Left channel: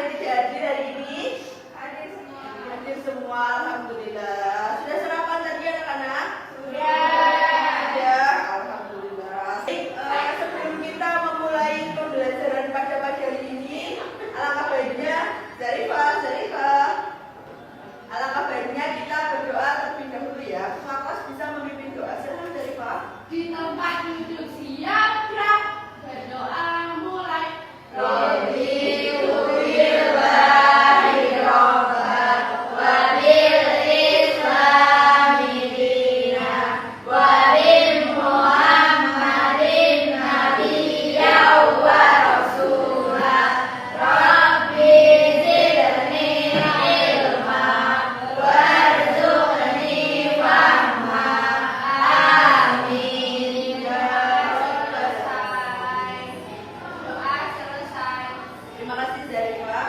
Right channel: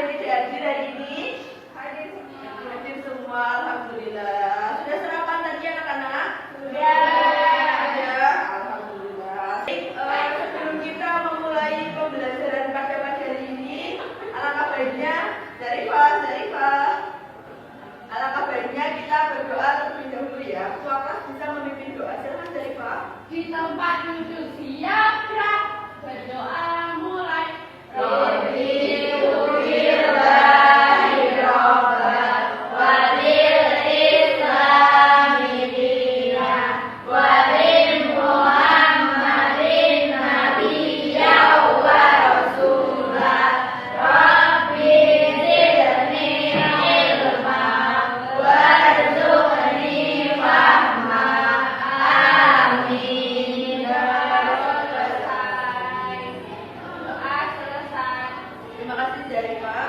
yang tidak hadir hari ini? Hadir semua, alhamdulillah. Sudah sarapan tadi anak-anak? Sudah. Sudah, alhamdulillah. Sebelum kita memulai pembelajaran pada pagi hari ini, alangkah baiknya alangkah baiknya kita berdoa terlebih dahulu ya. Ketua kelas bisa memimpin doa. Silakan Zarifah. Di tempat duduk siap gerak, berdoa mulai. Terima kasih Zarifah.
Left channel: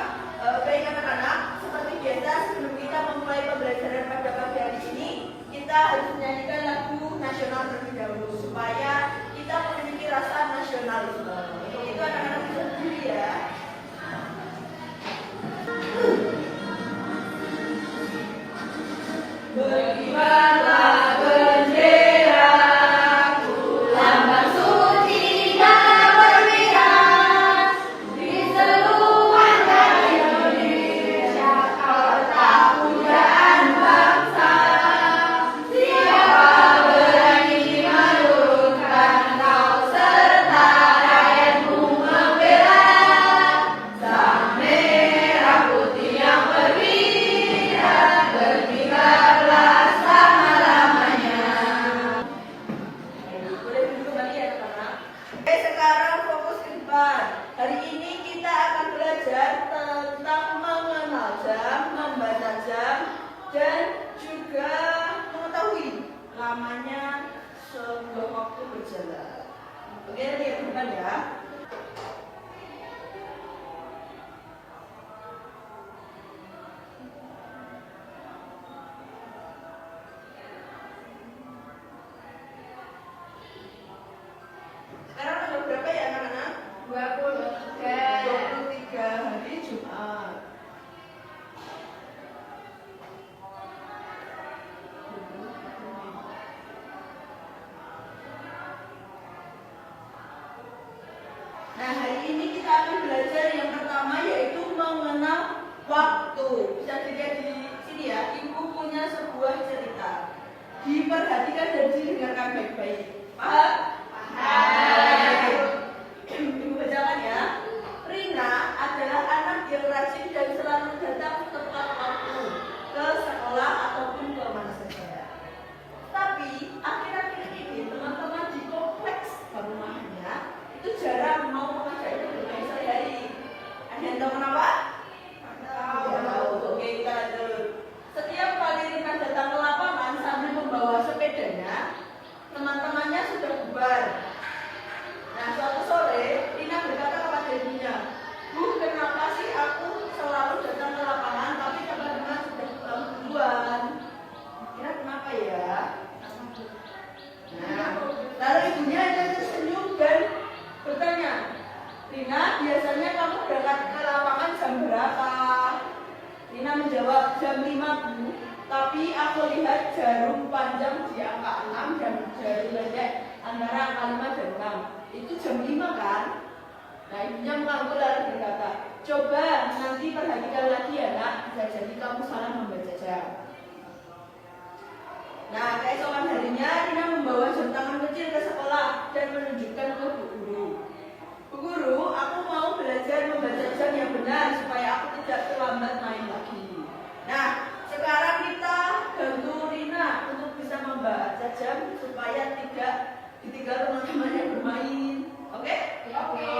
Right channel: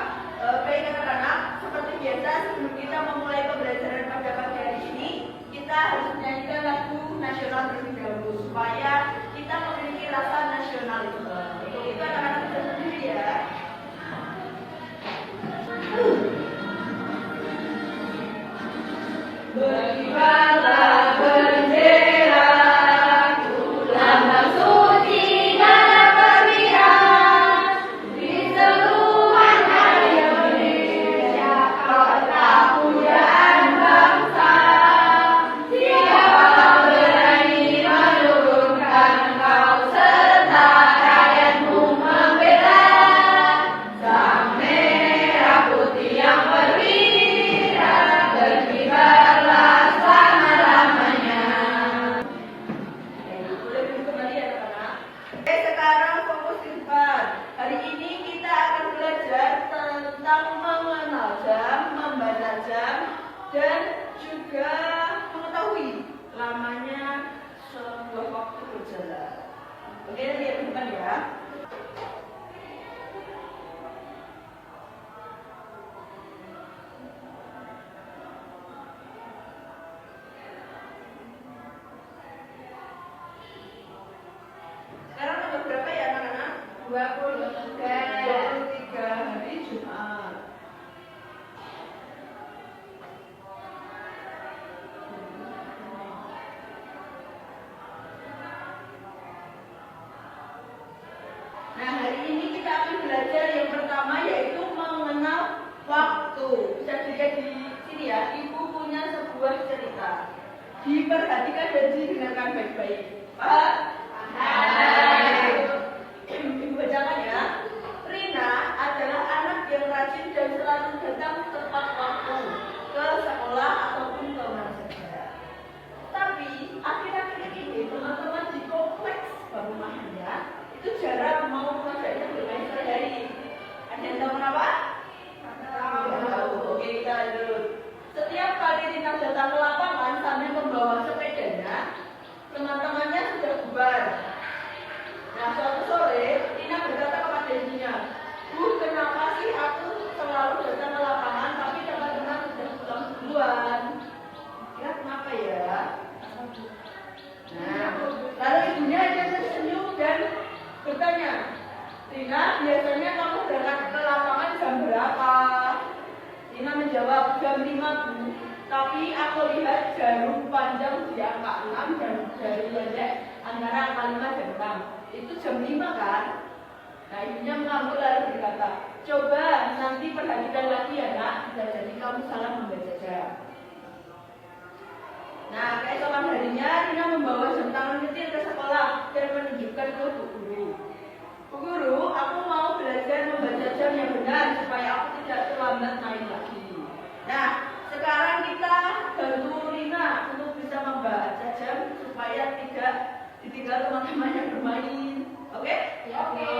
Baik anak-anak, seperti biasa sebelum kita memulai pembelajaran pada pagi hari ini, kita harus menyanyikan lagu nasional terlebih dahulu supaya kita memiliki rasa nasionalisme. Untuk itu anak-anak bisa berdiri ya. Berkibarlah benderaku, lambang suci dan berwibawa di seluruh tanah Indonesia. Kau tetap pujaan bangsa. Siapa berani menurunkan kau serta rakyatmu membela sang merah putih yang berwibawa, berkibarlah selama-lamanya. Boleh duduk kembali ya anak-anak. Oke, sekarang fokus ke depan. Hari ini kita akan belajar tentang mengenal jam, membaca jam, dan juga mengetahui lamanya sebuah waktu berjalan. Oke, lihat ke depan ya. Sekarang tanggal berapa ya anak-anak? 23 hari Jumat. Nah, hari ini kita akan belajar yang pertama yaitu mengenal waktu. Bisa dilihat di sini ya, ibu punya sebuah cerita. Diperhatikan dan didengarkan baik-baik. Pak? Ibu bacakan ya. Rina adalah anak yang rajin dan selalu datang tepat waktu ke sekolah ataupun ke mana saja. Tapi akhir-akhir ini teman-teman di kompleks perumahannya itu jarang mau mengajaknya bermain sehari-hari. Ada yang tahu kenapa? Tahu. Oke, kita lanjut. Setiap kali Rina datang ke lapangan sambil membawa sepedanya, teman-temannya sudah bubar. Nah, suatu sore, Rina berkata kepada ibunya, "Bu, kenapa sih aku selalu datang ke lapangan tapi teman-teman sudah pulang duluan?" Kira kenapa ya? Nah, lalu ibunya hanya tersenyum dan bertanya, "Rina, biasanya kamu berangkat ke lapangan jam berapa?" Rina menjawab, "Jam 5, Bu. Tapi aku lihat jarum panjang di angka 6 dan jarum pendek antara angka 5 dan 6. Itu jam 5 kan?" Nah, ibunya mengangguk lalu berkata, "Coba nanti perhatikan lagi ya nak, bisa jadi kamu salah membaca jam." Nah, keesokan harinya Rina membawa jam tangan kecil ke sekolah dan menunjukkan ke Bu Guru. "Bu Guru, aku mau belajar membaca jam yang benar supaya aku tidak terlambat main lagi." Nah, sekarang kita bantu Rina untuk bisa membaca jam supaya tidak ditinggal teman-temannya bermain. Oke? Oke.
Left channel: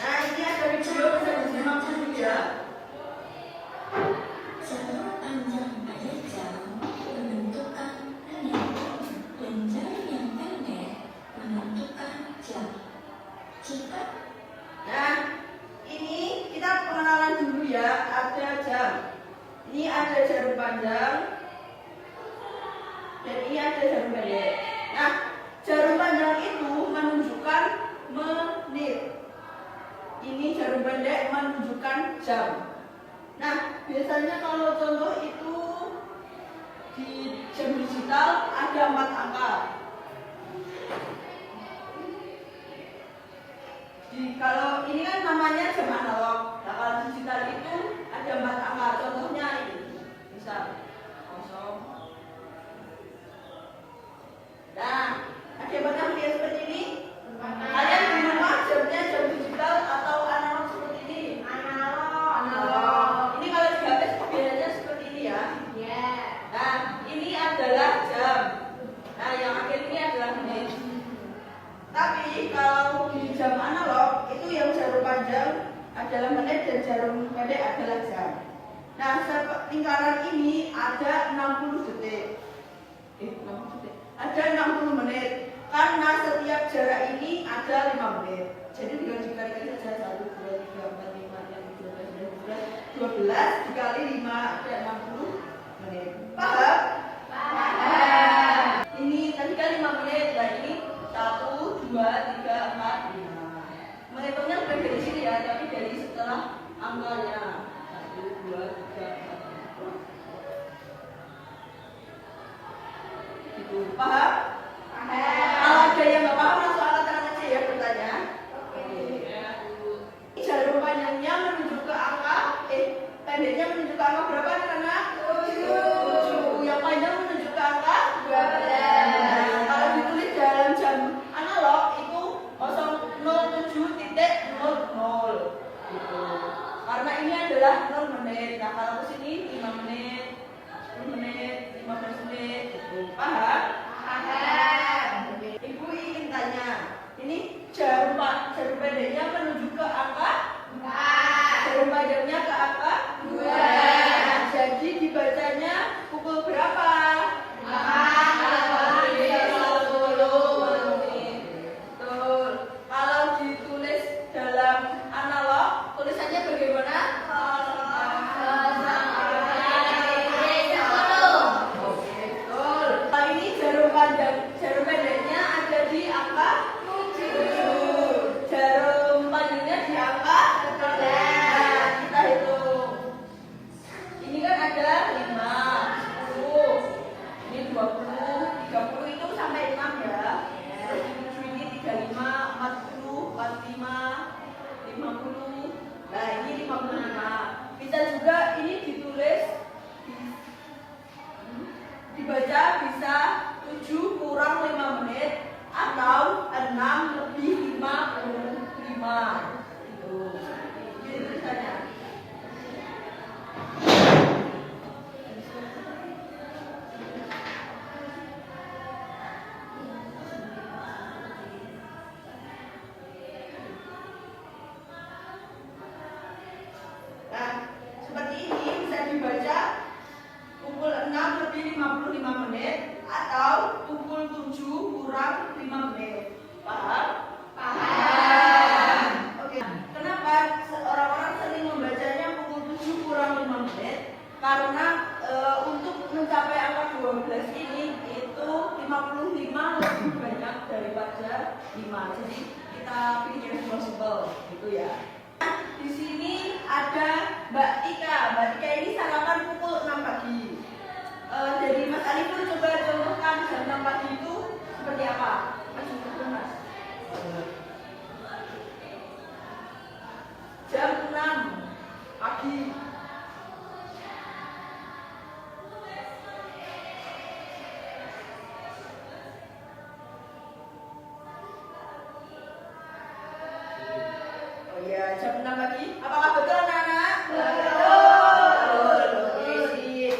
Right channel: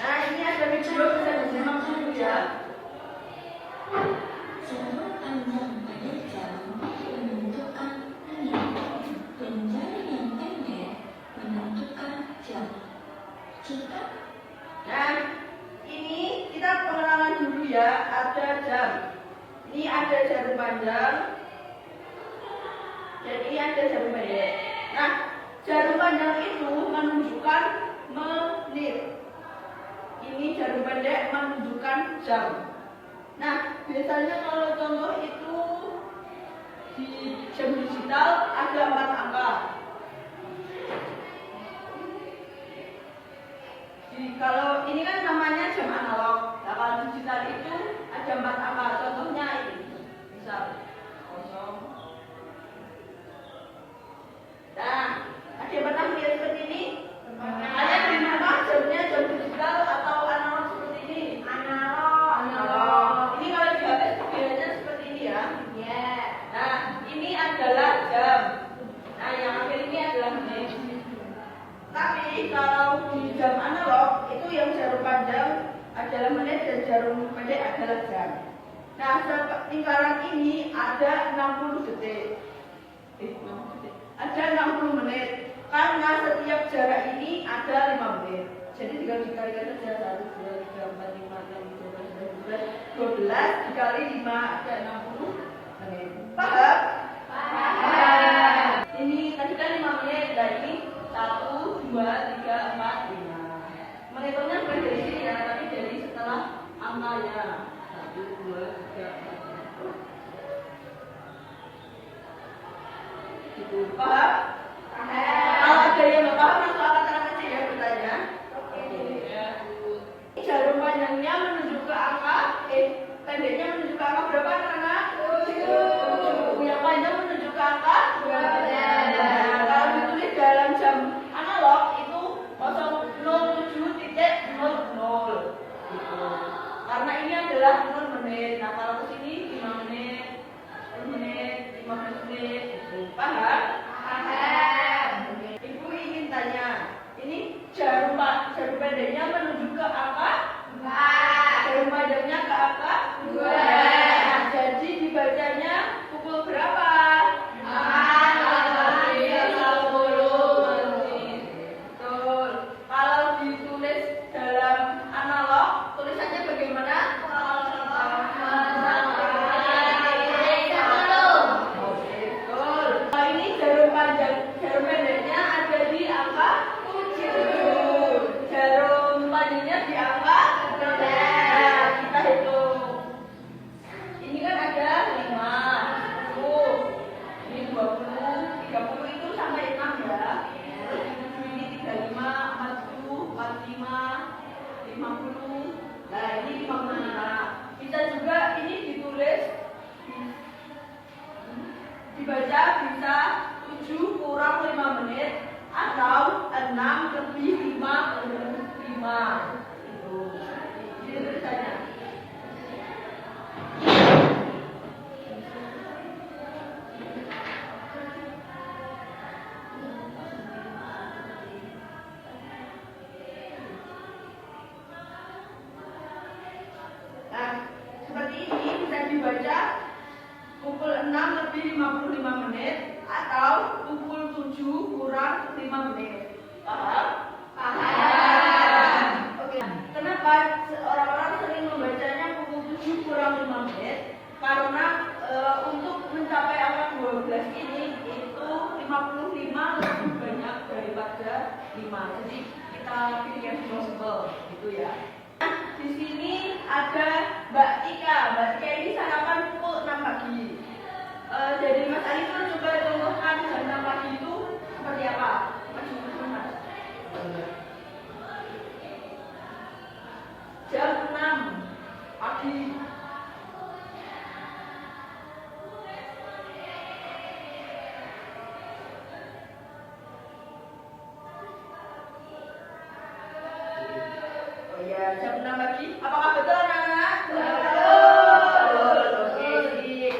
Nah, ini ada video bisa disimak dulu ya. Jarum panjang pada jam menentukan menit dan jarum yang pendek menentukan jam. Jika Nah, ini kita pengenalan dulu ya. Ada jam. Ini ada jarum panjang dan ini ada jarum pendek. Nah, jarum panjang itu menunjukkan menit. Ini jarum pendek menunjukkan jam. Nah, biasanya kalau contoh itu di jam digital ada 4 angka. Kalau ini kan namanya jam analog. Nah, kalau digital itu ada 4 angka. Contohnya ini, misal 0. Nah, ada yang pernah lihat seperti ini? Kalian di rumah jamnya jam digital atau analog seperti ini? Analog. Ini kalau di HP bedanya seperti ini ya. Nah, ini adalah jam. Nah, yang akhir ini adalah menit. Tapi kalau di jam analog itu yang jarum panjang adalah menit dan jarum pendek adalah jam. Nah, lingkaran ini ada 60 detik. 60 detik. Ada 60 menit. Karena setiap jarak ini ada 5 menit. Jadi tinggal dikalikan saja 1, 2, 3, 4, 5, 6, 7, 8, 9, 12 dikali 5 ada 60 menit. Paham? Paham. Ini tadi kan 5 menit. Nah, ini 1, 2, 3, 4, 5. Menghitungnya bukan dari sini ya, tapi dari setelah angkanya. 1, 2, 3, 4, 5. Itu paham? Kalau ada yang nggak paham langsung angkat tangan aja ya bertanya. Oke. Jarum panjangnya menuju ke angka, pendeknya menuju ke angka berapa anak-anak? 7. Yang panjang menuju ke angka 12. Nah, kalau ditulis dalam jam analog itu 007.00 gitu. Karena ini adalah 0 menit. Nah, kalau ke sini 5 menit, 10 menit, 15 menit itu. Paham? Ibu ingin tanya, ini jarum pendeknya menuju ke angka 4, jarum panjangnya ke angka 2. Jadi dibacanya pukul berapa? 4:50. Betul. Kalau ditulis dalam analog, tulisannya bagaimana? Jarum pendeknya ada di angka 7. Jarum panjangnya di angka 11. Kita hitung. Ini kan ada 5, 10, ini 20, 30 itu sampai 6 ya. Terus di 7 ini 35, 40, 45, 50. Nah, ini 55. Bisa juga ini ditulis dibaca bisa 7 kurang 5 menit atau 6 lebih 55 itu. Jadi tulisannya. Nah, seperti ini bisa dibaca pukul 6 lebih 55 menit atau pukul 7 kurang 5 menit. Paham? Paham. Oke. Kenapa orang-orang sering membacanya pukul 7 kurang 5 menit? Karena untuk mencapai angka 12 ini itu 55 lebih banyak daripada 5. Jadi kita pilih yang simpel gitu ya. Di sini ada Mbak Tika. Mbak Tika ini sarapan pukul 6 pagi. Dari Mas Arifur coba contohkan jam 6 pagi itu seperti apa? Mas Arifur, Mas. Jam 6 pagi. Oh iya, jam 6 pagi. Apakah betul anak-anak? Betul. Oke, sip.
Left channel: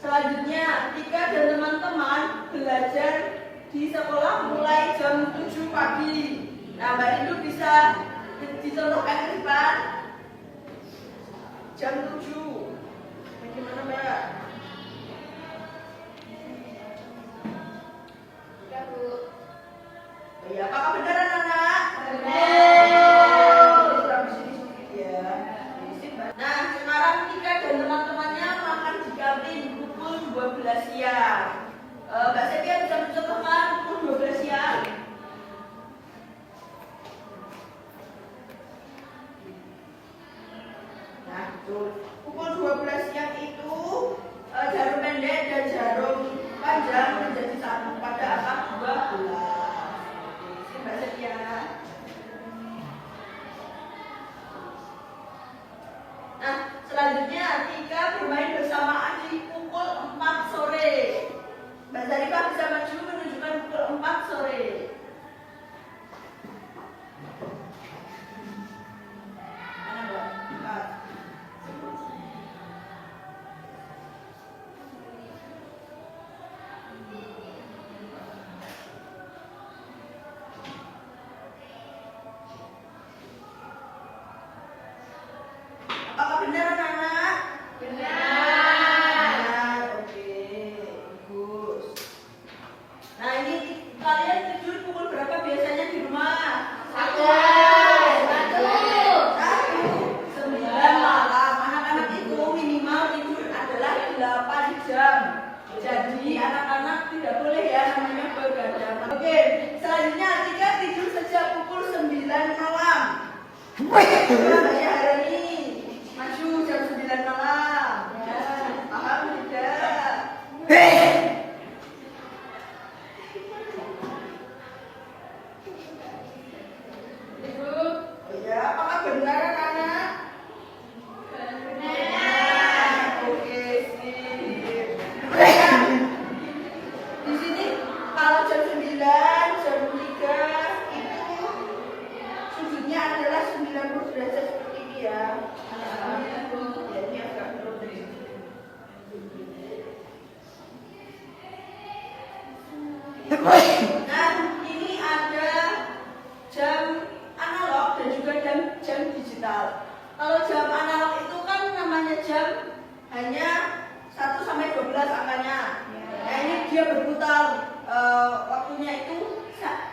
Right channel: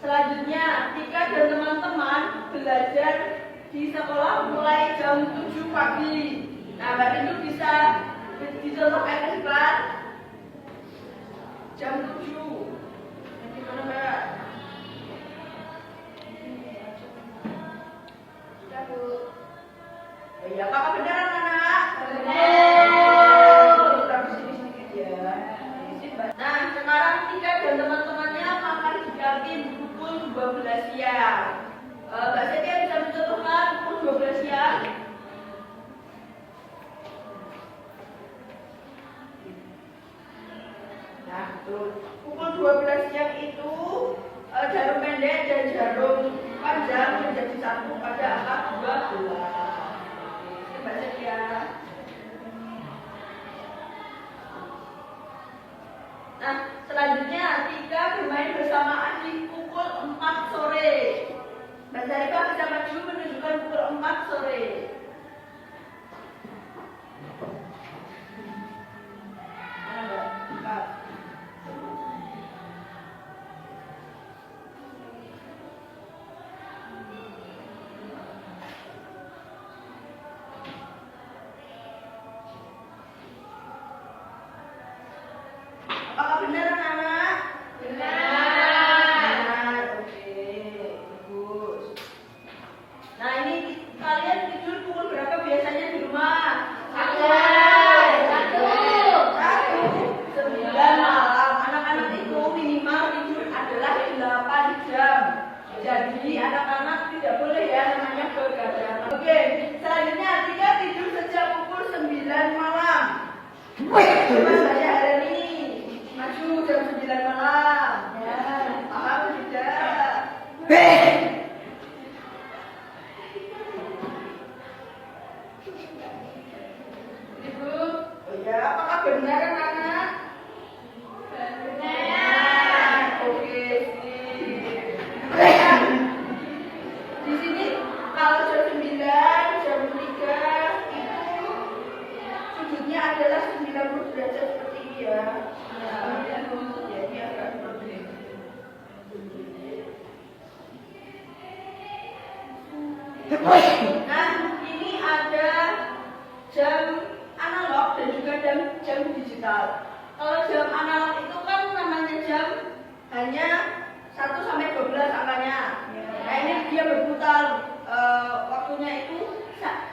Selanjutnya, Tika dan teman-teman belajar di sekolah mulai jam 7 pagi. Nah, Mbak Rindu bisa dicontohkan ke depan. Jam 7. Bagaimana, Mbak? Ya, Bu. Oh iya, apakah benar anak-anak? Benar. Terus sini sedikit ya. Nah, sekarang Tika dan teman-temannya makan di kantin pukul 12 siang. Mbak Setia bisa mencontohkan pukul 12 siang? Pukul 12 siang itu jarum pendek dan jarum panjang menjadi satu pada angka 12. Baca ya. Nah, selanjutnya Tika bermain bersama adik pukul 4 sore. Mbak Zarifah bisa maju menunjukkan pukul 4 sore. Mana Mbak? 4. Apakah benar anak-anak? Benar, oke, bagus. Nah ini kalian tidur pukul berapa biasanya di rumah? 9 malam. Anak-anak itu minimal tidur adalah 8 jam. Jadi anak-anak tidak boleh ya namanya begadang. Oke, selanjutnya Atika tidur sejak pukul 9 malam. Coba baca hari ini. Maju jam 9 malam. Ya, paham tidak? Ibu, oh ya, apakah benar anak-anak? Benar. Oke, sip. Di sini kalau jam 9, jam 3 itu sudutnya adalah 90 derajat seperti ini ya. Ya, ini agak seperti ini. Nah, ini ada jam analog dan juga jam digital. Kalau jam analog itu kan namanya jam hanya 1 sampai 12 angkanya. Nah, ini dia berputar waktunya itu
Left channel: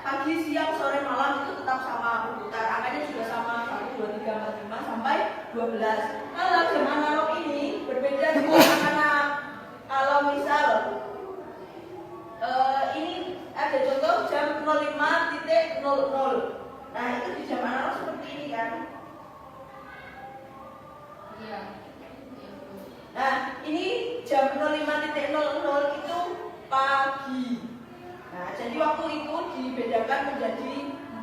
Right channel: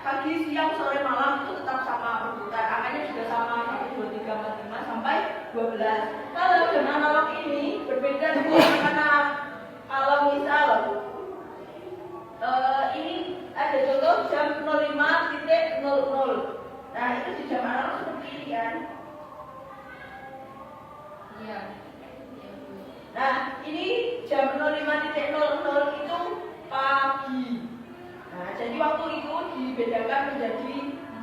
pagi, siang, sore, malam itu tetap sama berputar. Angkanya juga sama 1, 2, 3, 4, 5 sampai 12. Kalau jam analog ini berbeda dengan anak-anak. Kalau misal ini ada contoh jam 05.00. Nah itu di jam analog seperti ini kan. Iya. Nah ini jam 05.00 itu pagi. Nah jadi waktu itu dibedakan menjadi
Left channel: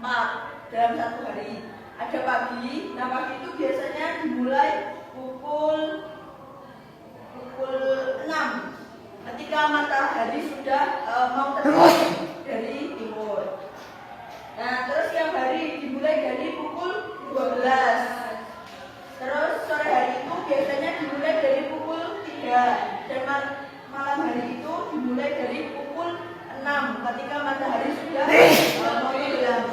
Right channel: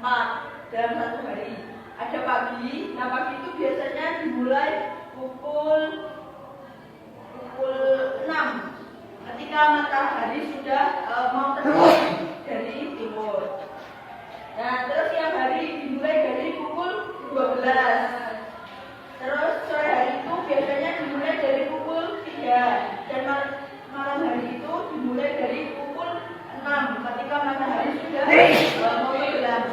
4 dalam satu hari. Ada pagi. Nah pagi itu biasanya dimulai pukul 6 ketika matahari sudah mau terbit dari timur. Nah, terus siang hari dimulai dari pukul 12. Terus sore hari itu biasanya dimulai dari pukul 3 dan malam hari itu dimulai dari pukul 6 ketika matahari sudah mau tenggelam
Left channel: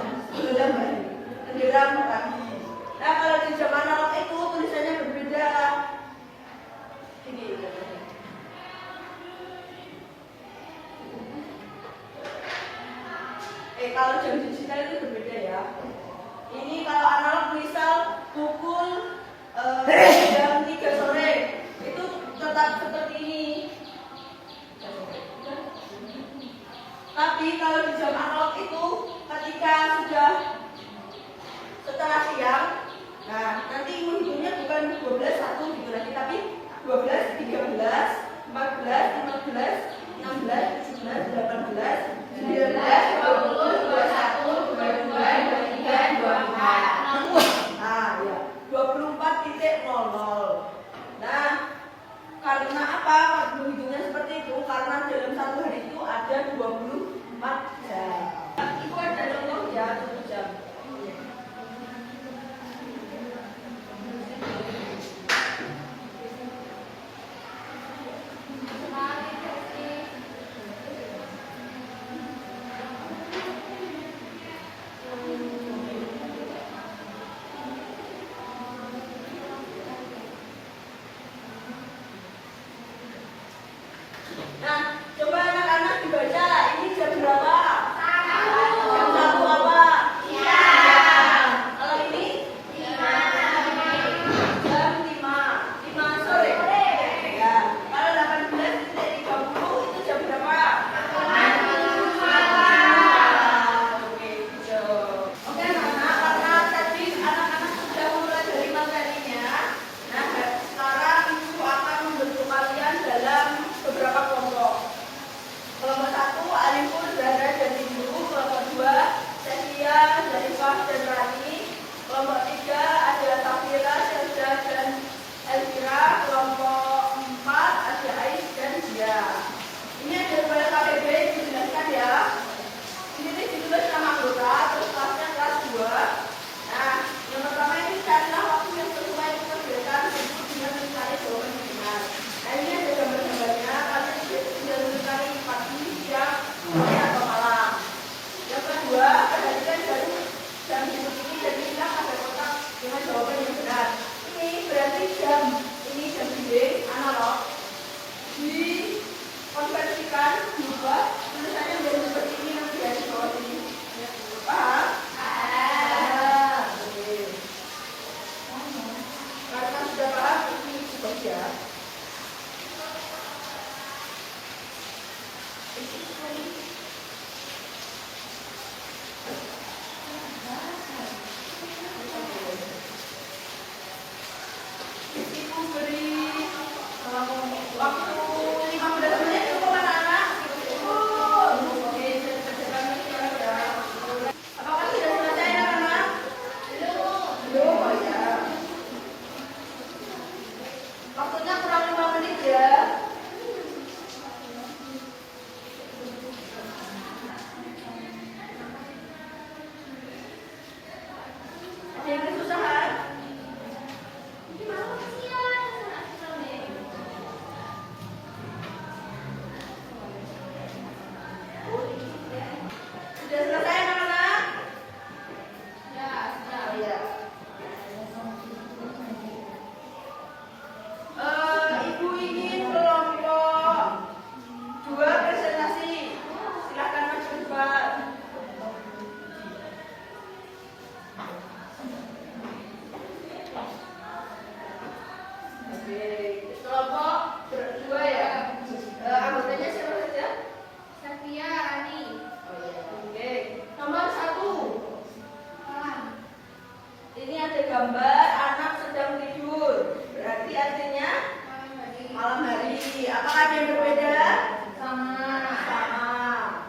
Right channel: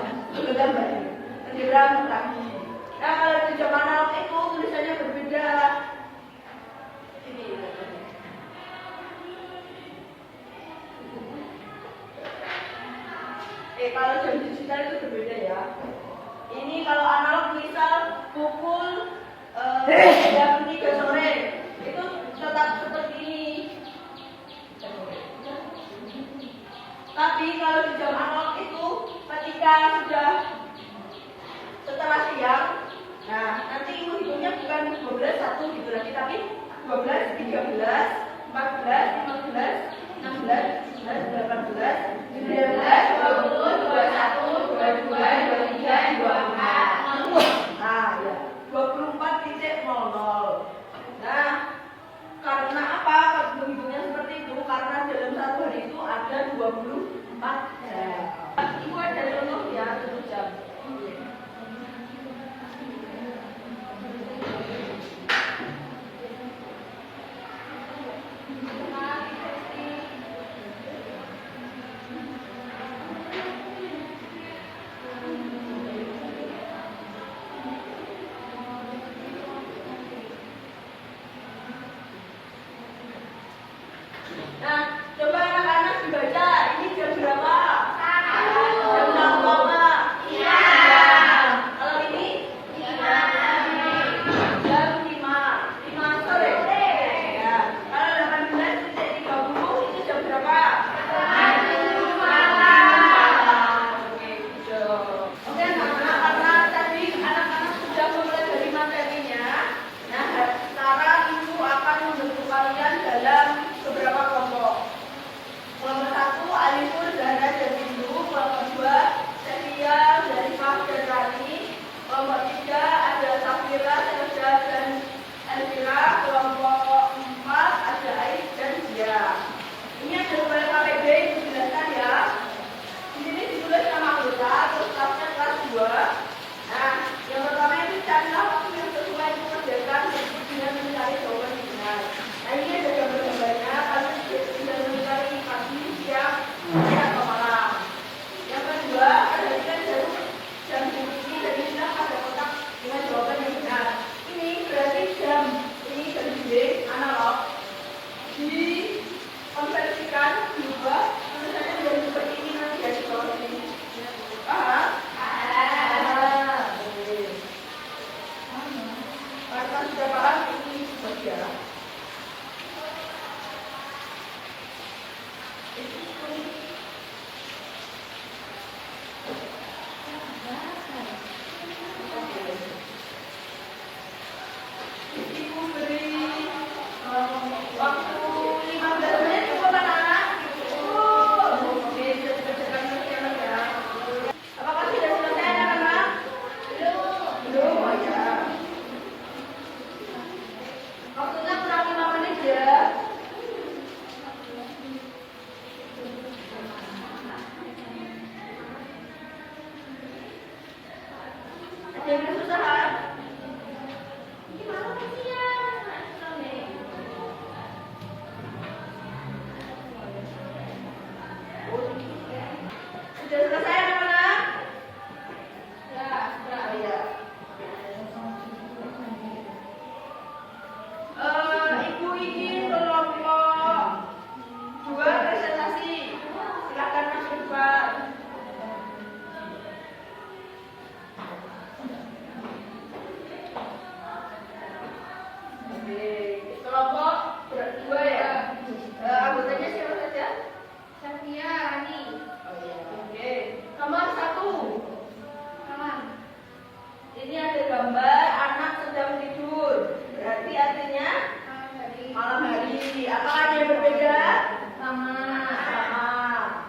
matahari. Nah, kalau di jam analog itu tulisannya berbeda. Ini. Kalau jam digital itu berbeda ya. Ini kalau analog misal pukul jam 3 sore itu tetap seperti ini. Tapi kalau di jam analog itu ketika sudah setelah siang, nah nanti menghitungnya bukan 12 1 gitu nanti, tapi 12, 13, 14, 15, 16, 17, 18, 19, 20, 21, 22, 23, 24. Nah, ya. 24.00. Nah, karena apa? Menghitungnya seperti itu karena dalam satu hari itu ada 24 jam. Ibu ada contoh ya 1 jam. Samira, Selja, dan Elvira. Kelompok 4 ada Ais dan Dia. Ini ada dua KPB, dijelaskan ya. Di sini ditulis nama anggota, terus kelasnya kelas 2. Nah, yang pertama ini carilah waktu yang sesuai pekerjaan dengan mencari jawaban yang benar. Nah, ini ada gambar-gambarnya. Kalian bisa mencari pagi, siang, sore, atau malam. Yang kedua, perhatikan jarum jam ini dan inilah pada kotak dengan jawaban yang benar. Ini berarti jam ini jam dinding analog dikonversikan diubah tulisannya menjadi seperti ini nanti ya di bawah ini. Paham? Kalau sudah paham ini baca. Ibu beri waktu 15 menit cukup anak-anak. Oke, cepat-cepat ya. Apakah sudah selesai anak-anak? Belum. Oh ya. Waktunya kurang 5 menit ya. Ada yang kesusahan? Sudah selesai anak-anak? Oh ya. Ibu ingin kelompok 2 presentasi. Silakan maju depan. Oke, kelompok 2 ya. Anggotanya siapa saja? Safia, Rani, Oh iya. Oke. Nomor 1. Ini ada gambar anak sedang tidur. Berarti artinya malam hari. Apakah ada yang berbeda? sama Sama.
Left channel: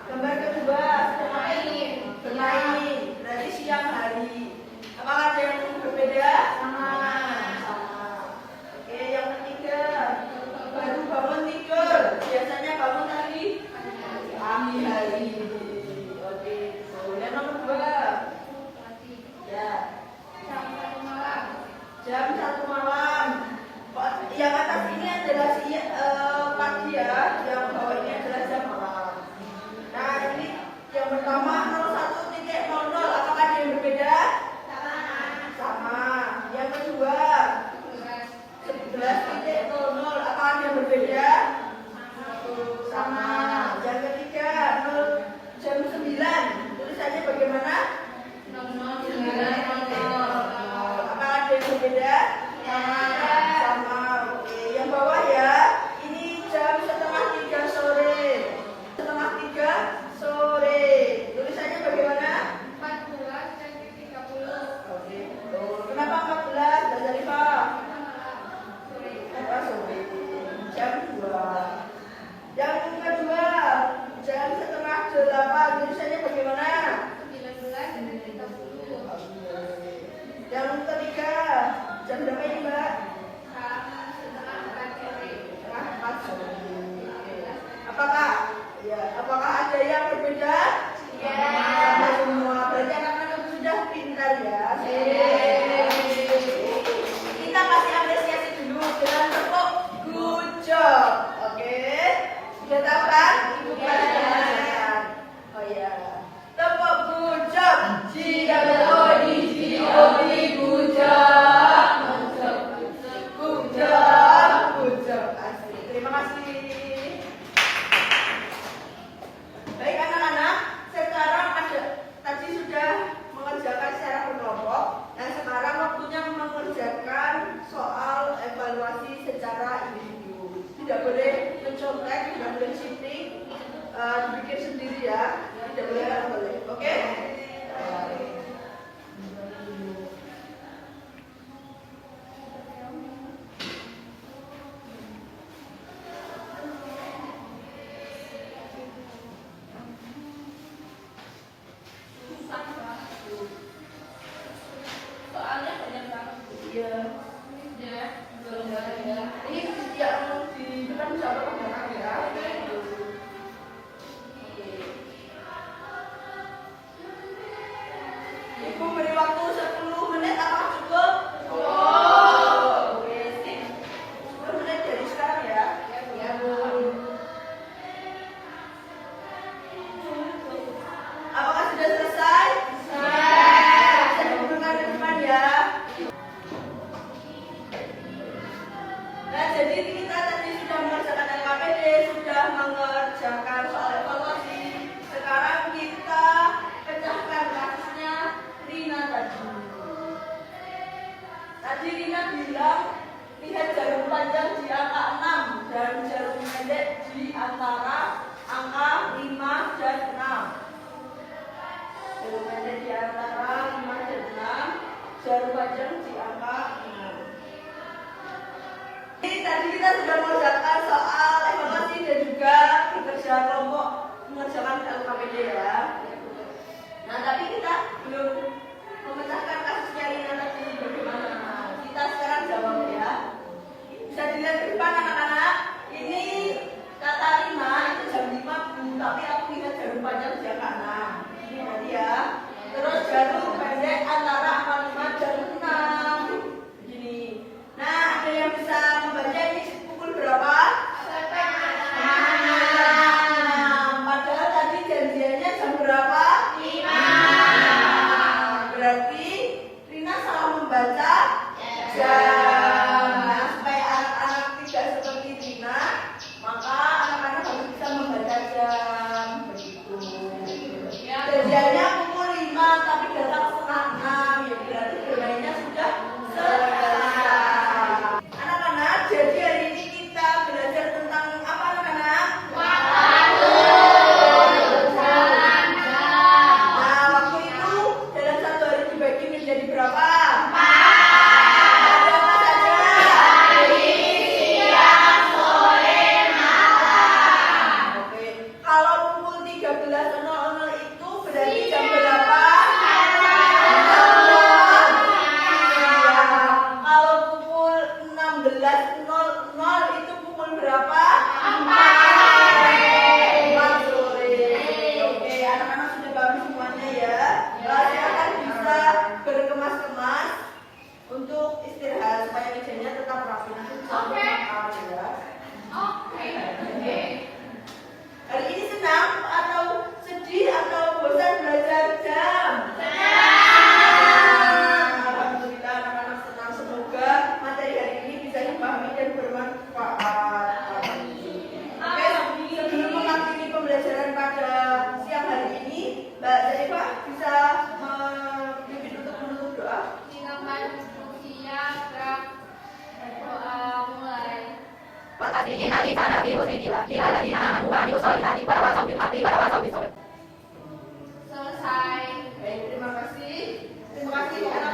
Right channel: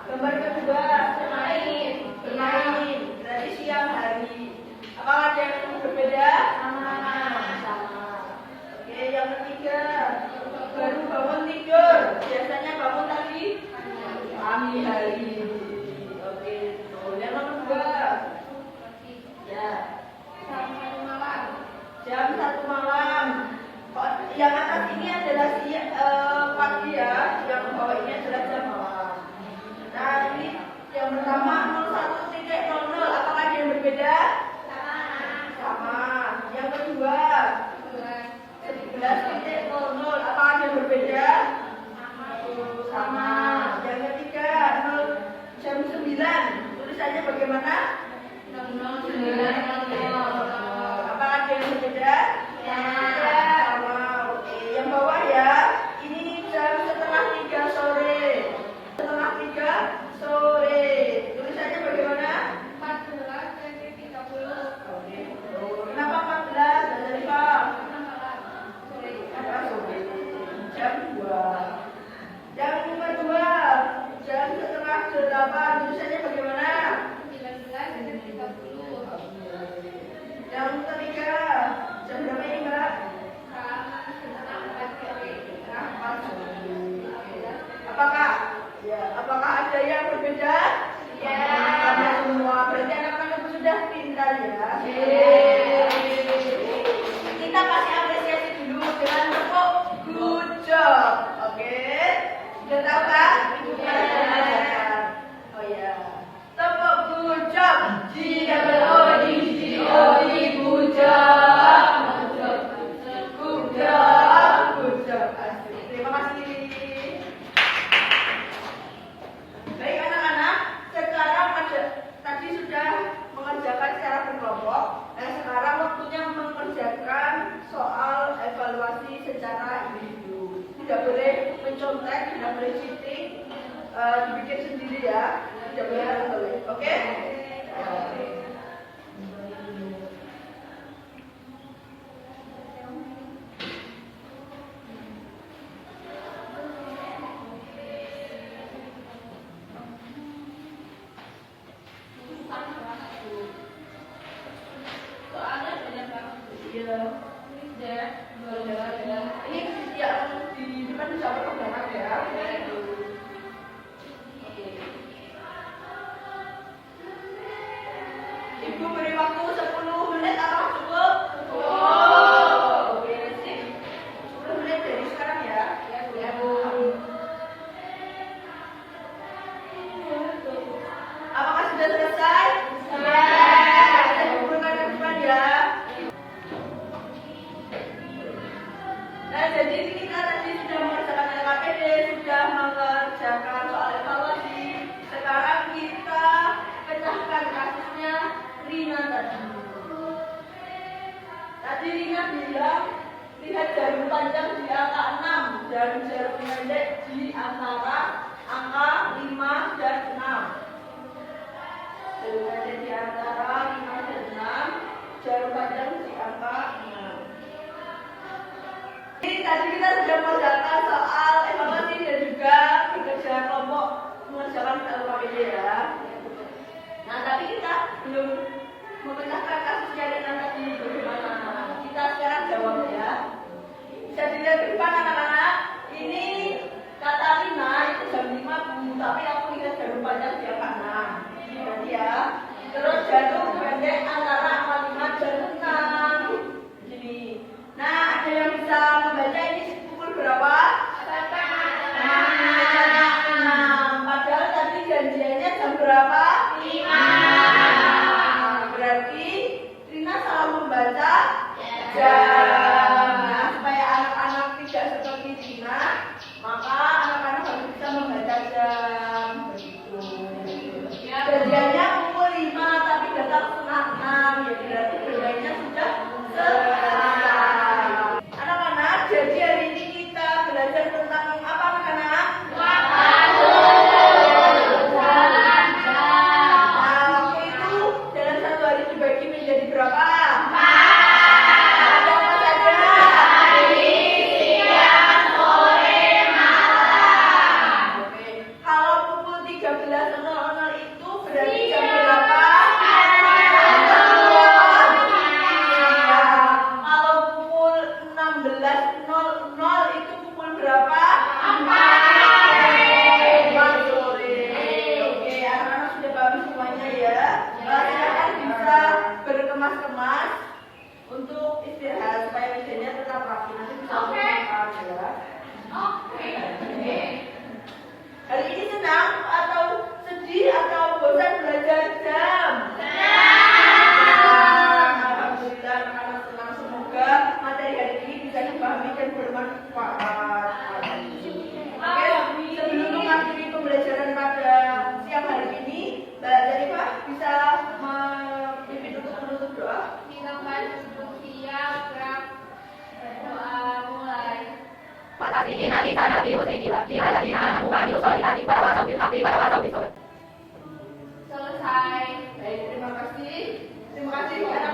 Gambar kedua bermain. Bermain. Berarti siang hari. Apakah ada yang berbeda? Sama. Oke, yang ketiga baru bangun tidur. Biasanya bangun tadi pagi hari. Oke, yang nomor 2. Ya. Jam 1 malam. Yang atas ini adalah pagi ya, yang bawah ini adalah jam malam. Nah, ini yang pertama 01.00. Apakah ada yang berbeda? Sama. Yang kedua 11.00. Apakah ada yang berbeda? Sama. Yang ketiga jam 9. Tulisannya bagaimana? 09.00. Apakah ada yang berbeda? Sama. Oke, yang bawah ya. Ini jam 2:30 sore. 2:30 sore. Tulisannya bagaimana? 14.30. Oke. Kenapa 14? Belajar IPA. Apa sore? Jam 2. Yang kedua, jam 7:30. Tulisannya bagaimana? 19.30. Yang ketiga, jam berapa ini Mbak? Setengah 4 sore. Nah, 4 sore. Apakah ada yang berbeda? Ya. Sama semua. Berarti anak-anak itu sudah pintar ya. Kita kasih apresiasi dulu dengan tepuk good job. Oke. Sudah tahu kan? Ibu sudah mengajarkan. Oh ya. Tepuk good job. G-O-O-D-G-O-D good job. Good job. Asik. Terima kasih. Baik anak-anak, sekarang tadi sudah mengerjakan secara berkelompok. Dan sekarang waktunya mengerjakan soal evaluasi secara individu. Tidak boleh mencontek, tidak boleh cheating, dibikin sendiri ya. Tidak boleh boleh. Oke? Soalnya banyak banget. Iya. Tadi Rina bilang lihat jarum panjang di angka 6 dan jarum pendek di antara angka 5 dan 6. Jarum pendek di antara 5 dan 6, jarum panjang di angka 6. Jadi tadi kita sudah mengerjakan soal evaluasi dan juga bekerja kelompok mengerjakan LKPD ya. Nah, tapi kita belum memecahkan kasusnya Rina tadi ini bagaimana anak-anak. Kita sekarang jawab ya. Bisa dilihat di depan anak-anak. Ini kata Rina itu jam 5 Bu, tapi aku lihat jarum panjang di angka 6. Ini berarti ya. Terus jarum pendek antara angka 5 dan 6. Begini. Nah, ada yang bisa membaca ini pukul berapa? Padahal tadi janjiannya jam berapa? 5. Berarti Rina salah membaca jam. Nah, supaya anak-anak tidak seperti Rina, maka anak-anak harus bisa membaca jam. Begitu. Janjiannya pukul 5, tapi datang setengah 6. Ya berarti bermainnya sudah selesai. Anak-anak, jadi hari ini kita belajar tentang apa anak-anak? Nah, waktu itu dalam satu hari dibagi menjadi berapa? 4. Ada apa saja? Pagi, siang, sore, malam. Oke. Kalau pukul 13.00 itu berarti jam berapa? Kalau pukul 16.00 itu pukul berapa? 4 sore. Oke, anak-anak sudah paham semuanya ya. Silakan bisa berkemas-kemas untuk istirahat supaya mejanya tetap rapi. Nanti bisa makan ya. Hari ini senang atau sedih atau bosan belajar jam? Alhamdulillah anak-anak senang. Semoga materi hari ini bisa dipahami dan bermanfaat. Oke, sebelum mengakhiri pembelajaran pada siang hari ini, Mbak Zarifah bisa memimpin untuk menutup doa. Doa mulai. Selesai. Baik, terima kasih. Terima kasih anak